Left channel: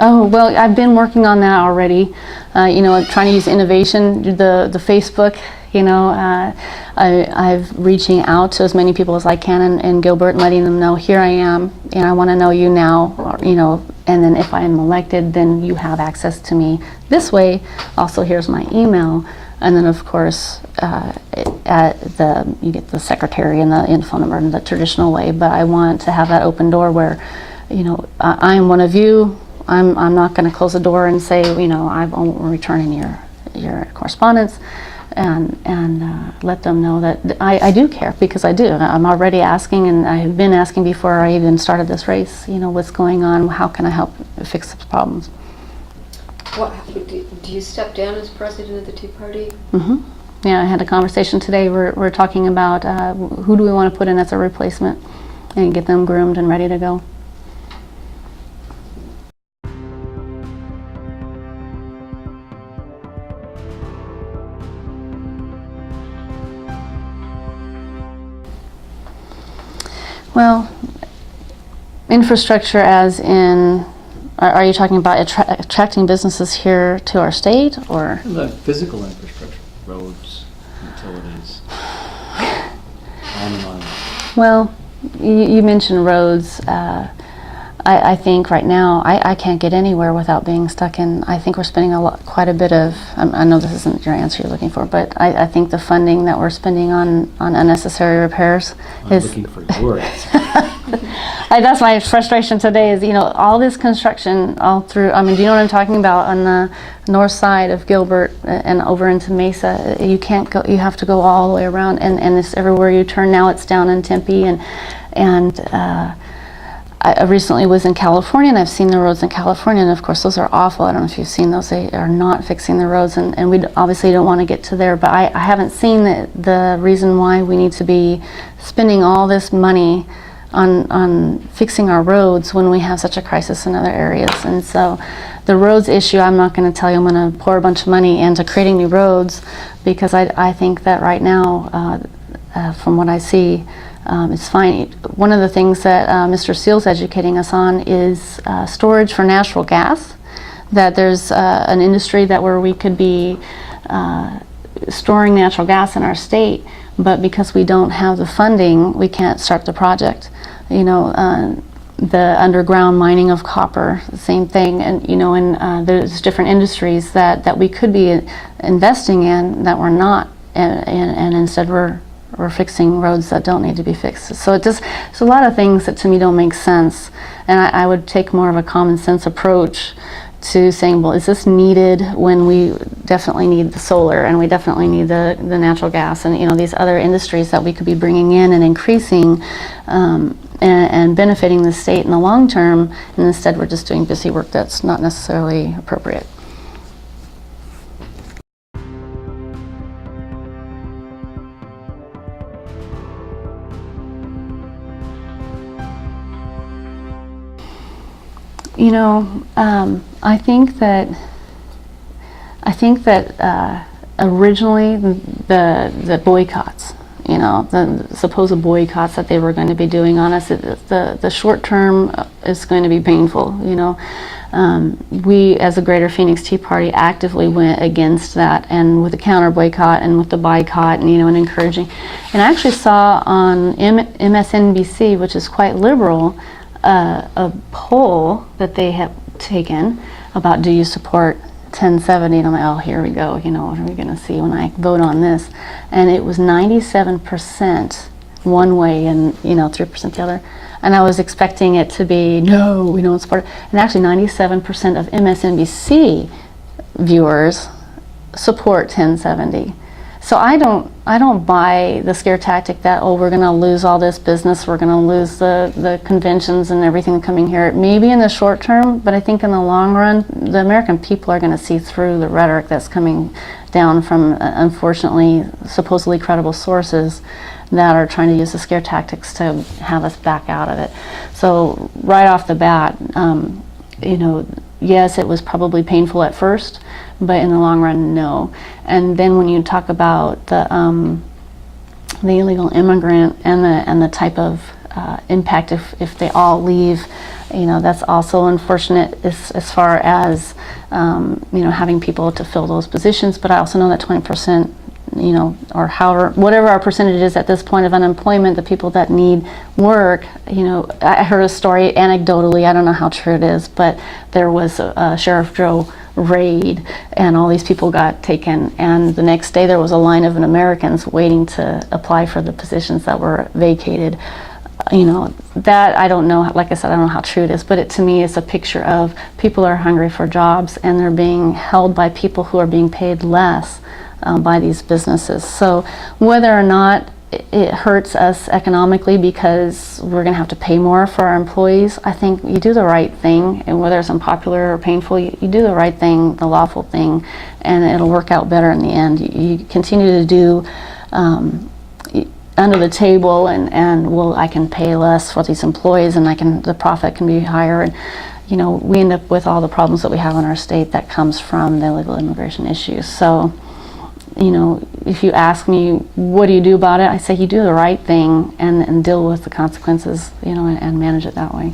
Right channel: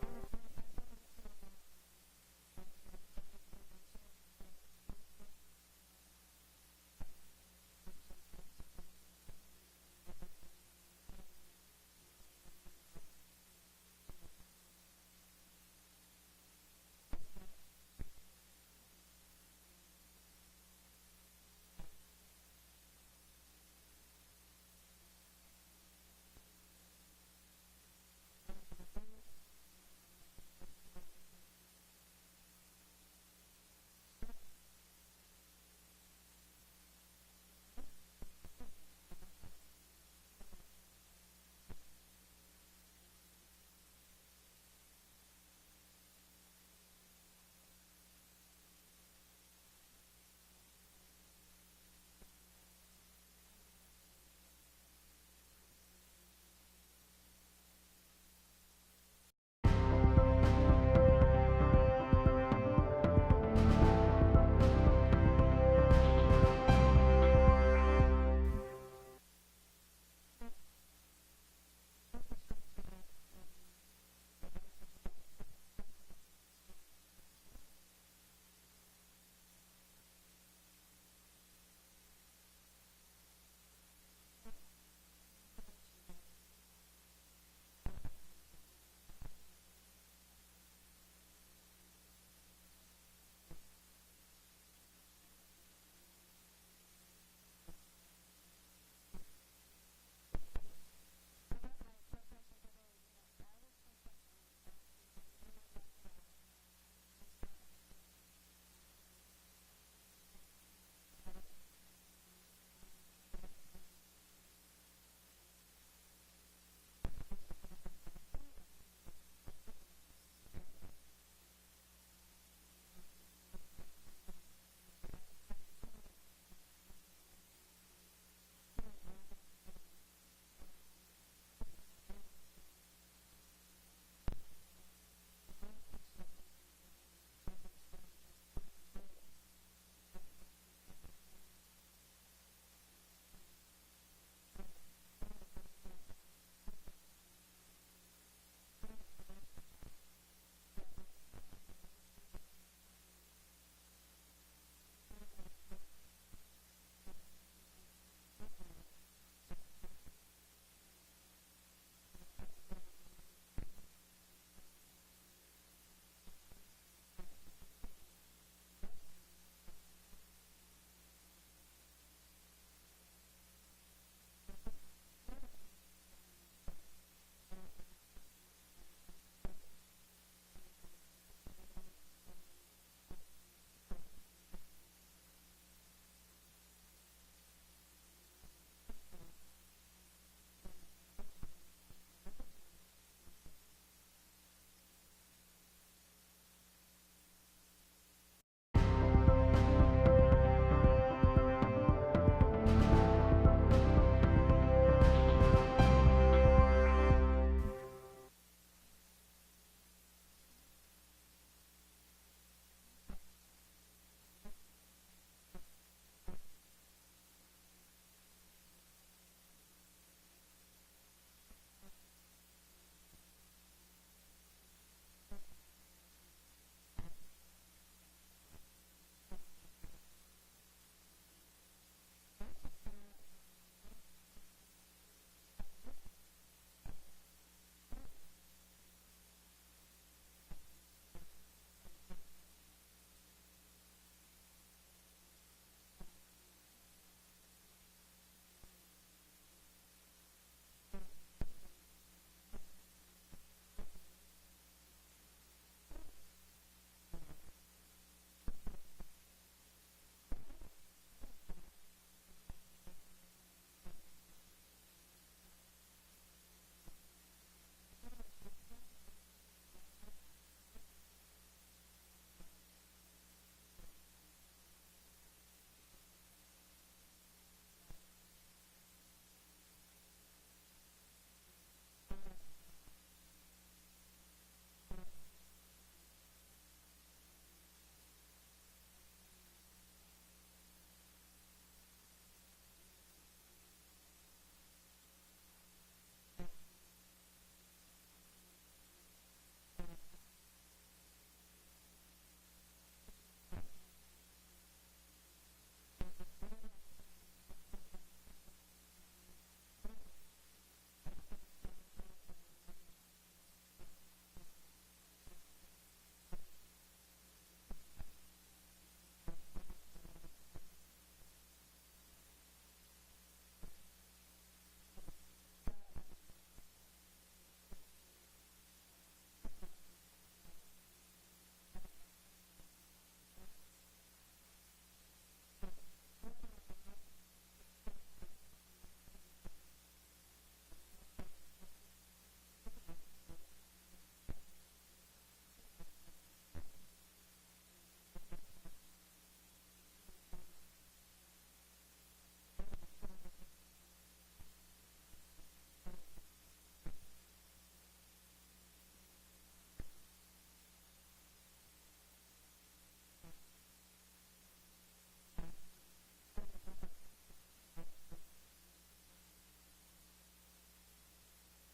Oh, well, I've been working on that already. Trying to use innovation, the Facebook, I've reaching out to as many people as I can in Gilbert and letting them know, here I am, and I want to know you now, and then if I am elected, then you have access to me this way. Also, here's my email. And then, of course, you get the secretary and the phone number in the traditional way. But I want to have that open door where, I am one of you. I'm not going to close the door and say, I'm returning your correspondence, and let them know that I do care, because I do. I'm already asking, and I have been asking before I even started this race. What's going on? How can I help fix the problems? Do you step down as president of the Tea Party? Mm-hmm. Yeah, I had a conversation today. We're talking about who do we want to put in as a replacement, and get them groomed and ready to go. Well, infrastructure as in, are you talking about attracting businesses here to our state, or? The physical infrastructure, roads, utilities, on and on. Well, you mentioned roads. I think right now I can't get anywhere without being stuck in. I think we're spending quite a bit of. I know this isn't your answer you're looking for, but I think the funding that we're spending on unnecessary repairs is. I'm looking for your answer. That's my frustration today. Is all this construction all through. I mean, do you know what I'm talking about on the north side of Gilbert and over into Mesa? You can't go. You have to go all the way around, and it's everywhere you turn. Now it's down in Tempe and. I recently was in California, and I've seen the roads in California, and of course those are awful. I don't know if you've seen those. They are not fixing the roads, and we obviously don't want to get to there, but I haven't seen the reason why we need to be spending all this money on fixing our roads when we have such a crisis in other areas. And so the roads issue, I'm not going to tell you I'm going to pour a bunch of money into creating new roads, because I think that right now, from what I see, it's fine. One of the things that Mr. Seale's educating us on is storage for natural gas. That there's an industry where we could be storing natural gas in our state, but because we don't have the funding, we can't start the project. The underground mining of copper, the same thing, and there's different industries that we could be investing in that we're not, and instead we're fixing roads that don't need to be fixed. So it's a lot of things that to me don't make sense, and I would take more of a common sense approach to saying, well, is this needed when we definitely need the solar, and we definitely need the natural gas, and these other industries that we could be bringing in and increasing and benefiting the state in the long term, and instead we're just doing busy work that's not necessarily appropriate. I think that originally the boycotts, the supposed boycotts that they were going to be doing on us, the short term is going to be painful. We as the Greater Phoenix Tea Party actively went against that, and with the counter boycott and with the boycott, and and encouraging. And I actually saw on MSNBC, which is quite liberal, a poll that they have taken about, do you support 1070? And I'm like, oh, here we go. What are we going to see when I vote on this? And it was 97% one way and 3% the other. And I was expecting it to be, no, we don't support it. And actually 97% of MSNBC viewers support 1070. So I don't buy the scare tactic that, oh, we're going to lose all this business, we're going to lose the conventions and everything coming here. Maybe in the short term, but I think in the long run, the American people are going to see through the rhetoric that's coming down from, unfortunately, supposedly credible sources that are trying to use the scare tactics to have us back out of it. So right off the bat, yes, it was probably painful at first, but in the long run, no. And then when you talk about the illegal immigrant and the type of impact if they all leave You know, that's also unfortunate as far as, you know, having people to fill those positions. But I also know that 20%, you know, or however, whatever our percentage is at this point of unemployment, the people that need work, you know, I heard a story anecdotally, I don't know how true it is, but there was a Sheriff Joe raid and all these people got taken, and the next day there was a line of Americans waiting to apply for the positions that were vacated. You know, that I don't know, like I said, I don't know how true it is, but to me it's a picture of people are hungry for jobs and they're being held by people who are being paid less by these businesses. So whether or not it hurts us economically because we're going to have to pay more for our employees, I think you do the right thing, and whether it's unpopular or painful, you do the right thing, the lawful thing, and it'll work out better in the end. You continue to do under the table, and well, I can pay less for these employees, and the profit can be higher, and you know, we end up with all the problems that we have in our state that comes from the illegal immigration issues. So, you know, if you ask me, what do you do about it? I say you do the right thing and deal with the consequences, you know, and manage it that way.